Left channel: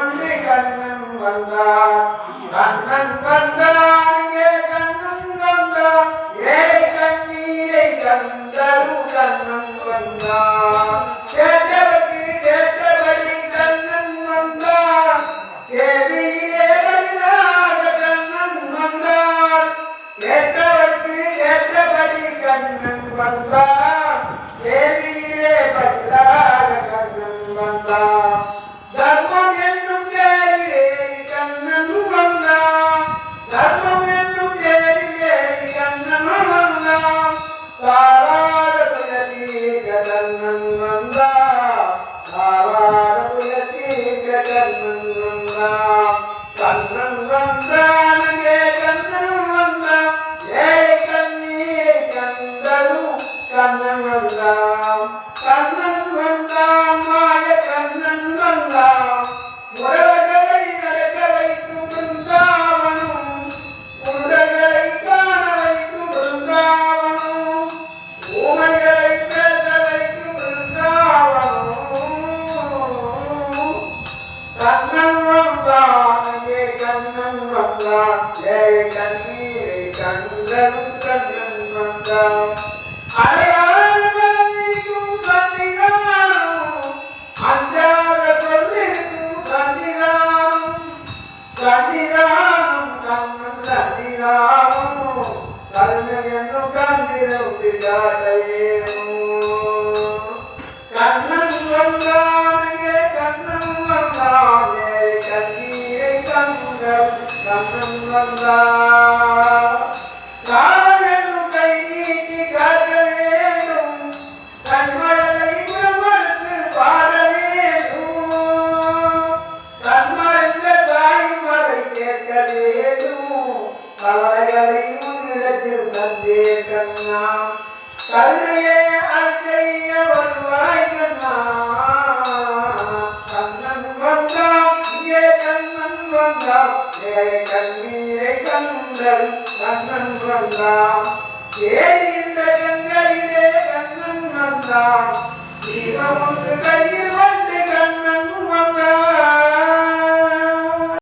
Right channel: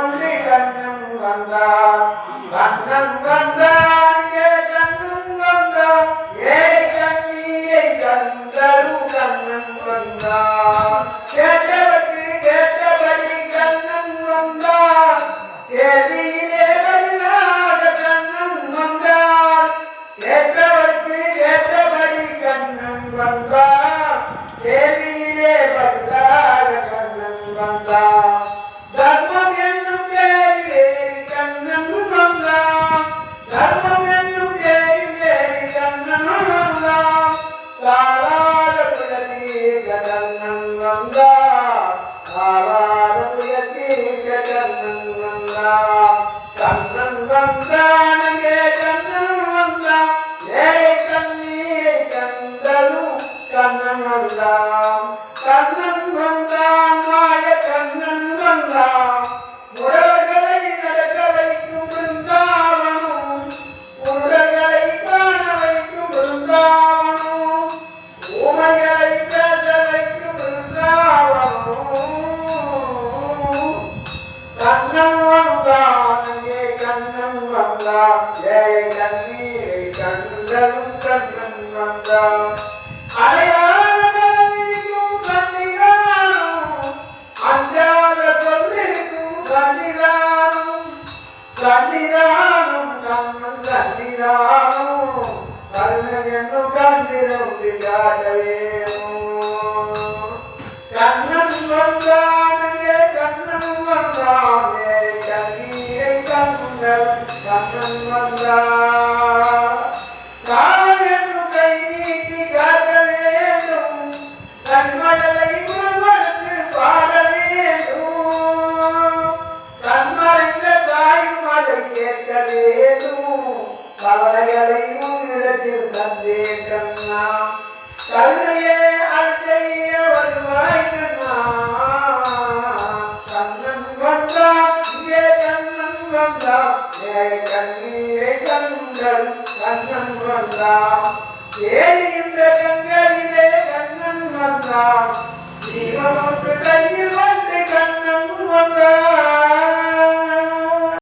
கொண்டு கண்ணன் வந்தார் கண்ணன் வந்தார் கண்ணன் வந்தார் ஏழை கண்ணீரை கண்டரும் கண்ணன் வந்தார் கேட்டவர்க்கு கேட்டபடி கண்ணன் வந்தார் தேவியே வெல்லாத கண்ணன் வந்தார் கேட்டவர்க்கு கேட்டபடி கண்ணன் வந்தார் தேவியே வெல்லாத கண்ணன் வந்தார் தர்மம் என்னும் தேரிலே கண்ணன் வந்தார் தர்மம் என்னும் தேரிலே கண்ணன் வந்தார் தாராத குலத்தீர்க்க கண்ணன் வந்தார் தாராத குலத்தீர்க்க கண்ணன் வந்தார் கண்ணன் வந்தான் கண்ணன் வந்தான் ஏழை கண்ணீரை கண்டரும் கண்ணன் வந்தான் கண்ணன் வந்தான் மாய கண்ணன் வந்தான் முரல்களை நடக்க வைக்கும் பிருந்தாவனும் உடல்களை காண வைக்கும் பிருந்தாவனும் ஊமைகளை பேச வைக்கும் பிருந்தாவனும் கண்ணன் வந்தான் கண்ணன் வந்தான் ஏழை கண்ணீரை கண்டரும் கண்ணன் வந்தான் அலையாளர்களும் சன்னிதானம் அஞ்சாத கொண்டிருக்கும் சன்னிதானம் சன்னிதானம் கண்ணன் சன்னிதானம் கருணை என்னும் கண்டிரும் விளையாட வேணும் கண்ணன் வந்தானே கண்ணன் வந்தானே கண்ணீரை கண்ணன் கண்ணன் வந்தான் காலென்னும் கை நீட்டி காக்க வேண்டும் கண்மழலை உணர்வதற்கு பாட வேண்டும் கண்மறைந்த தாயும் அதை கேட்க வேண்டும் கவலைகளை உன்னிடத்தில் தந்தே கண்ணா கருணையே அழைய வருவாய் கண்ணா கண்ணன் வந்தான் இங்கே கண்ணன் வந்தான் கண்ணீரை கண்கள் கண்ணன் வந்தான் ஏறின்ற கங்கையிலே கண்ணன் வந்தான் தீபமொன்று கையில் வந்து கண்ணன் வந்தான்